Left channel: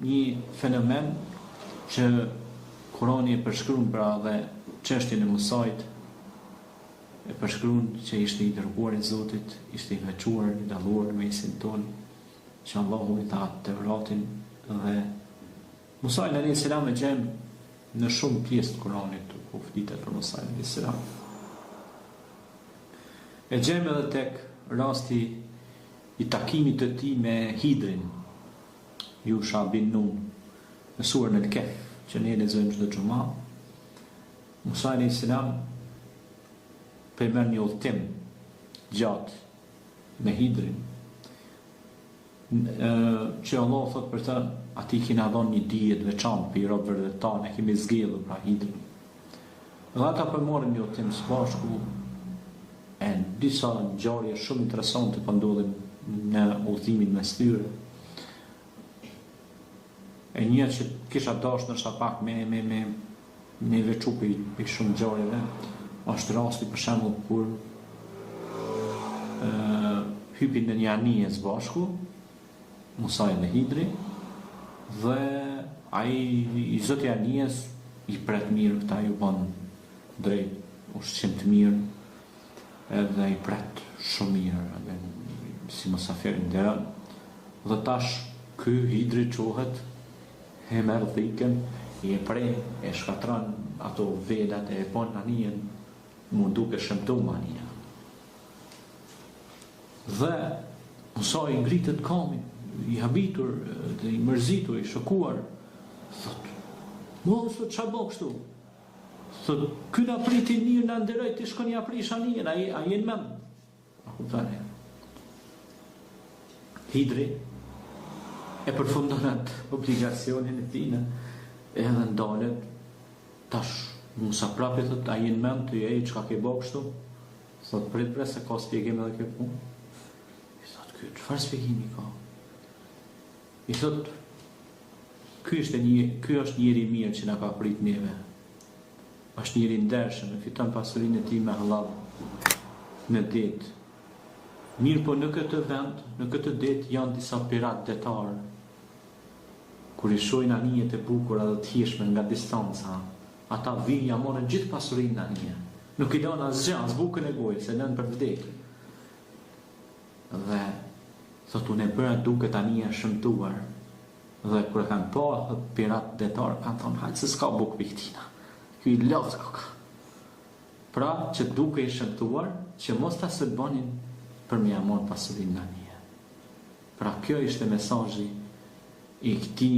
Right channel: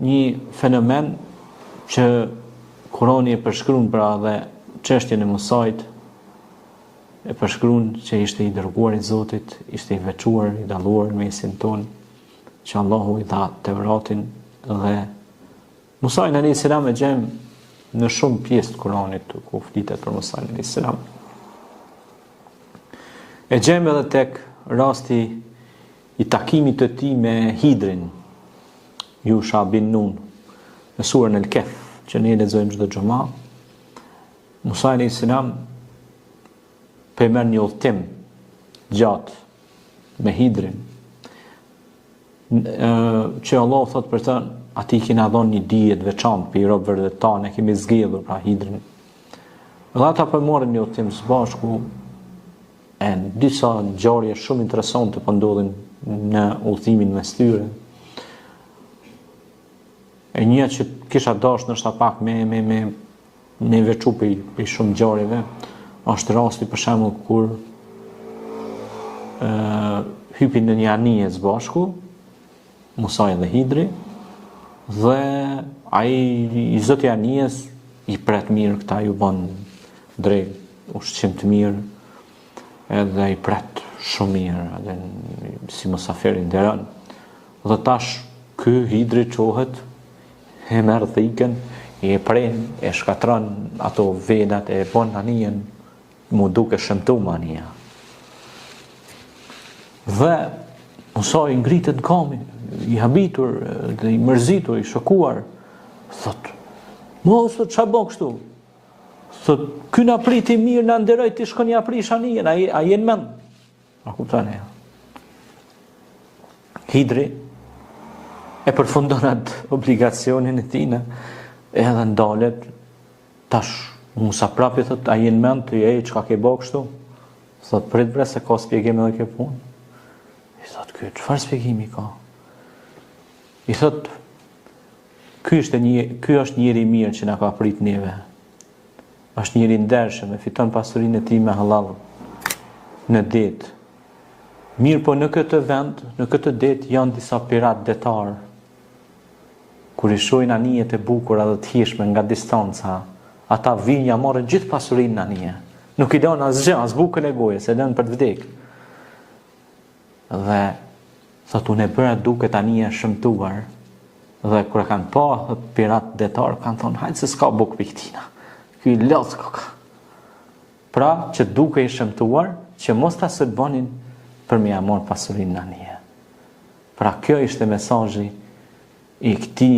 një fenomen që Kurani e përshkruan pra dhe çështjen e Musait e përshkruan që ishte i dërguar i Zotit, ishte i veçuar, i dalluar mesin ton, që Allahu i dha Teuratin dhe Musa alayhis salam e gjem në shumë pjesë të Kuranit ku flitet për Musa alayhis salam. E gjem edhe tek rasti i takimit të tij me Hidrin, Yusha bin Nun, në surën El-Kehf, që ne lexojmë çdo xumë. Musa alayhis salam merr një udhtim gjatë me Hidrin, që Allah thot për të, ati kina dhon një dije të veçantë për i robëve dhe tanë, e kemi zgjedhur pra Hidrin. Dhe ata përmorën një udhtim së bashku, e disa ngjarje shumë interesante po ndodhin në udhtimin mes tyre. E një që kisha dashur ndoshta pak me veçu për shumë ngjarjeve, është rasti për shembull kur hypin në një anije së bashku, Musa dhe Hidri, dhe ai i zoti i anijes i pret mirë, këta ju bën drejt, ushqim të mirë, edhe i pret shumë mirë, edhe si mosafir i nderon. Dhe tash ky Hidri çohet, e merr thikën, e pren, e shkatron ato velat, e bën anijen mu duke shëmtuar anija. Dhe Musa i ngritet në kamin, i habitur dhe i mërzitur, i shokuar, thot, mos të çfarë bën kështu? Thot, ky na priti mirë, na nderoj, ti shkon ja prish anijen, a jen mend? A kupton e? Hidri e përfundon atë obligacionin e tij, edhe ndalet tash Musa prapi thot, a jen mend ti, çka ke bë kështu? Thot, prit bre se ka shpjegim edhe kjo punë. I thot, ky çfarë shpjegimi ka? I thot, ky është njëri i mirë që na ka prit neve. Është njëri i ndershëm, e fiton pasurinë e tij me halal në det. Mirë po në këtë vend, në këtë det janë disa pirat detar. Kur i shohin anijet e bukura dhe të hijshme nga distanca, ata vinë ja morën gjithë pasurinë në anije. Nuk i don asgjë, as bukën e gojës, e lënë për të vdekur. Dhe thot, unë e bëra duket anija shëmtuar, dhe kur e kanë pa, thot, pirat detar kanë thonë, hajtë se s'ka bukë për këtina, ky lodh koka. Pra, që duke i shëmtuar, që mos ta sërbonin për me ja morë pasurinë në anije. Pra, kjo ishte mesazhi i këtij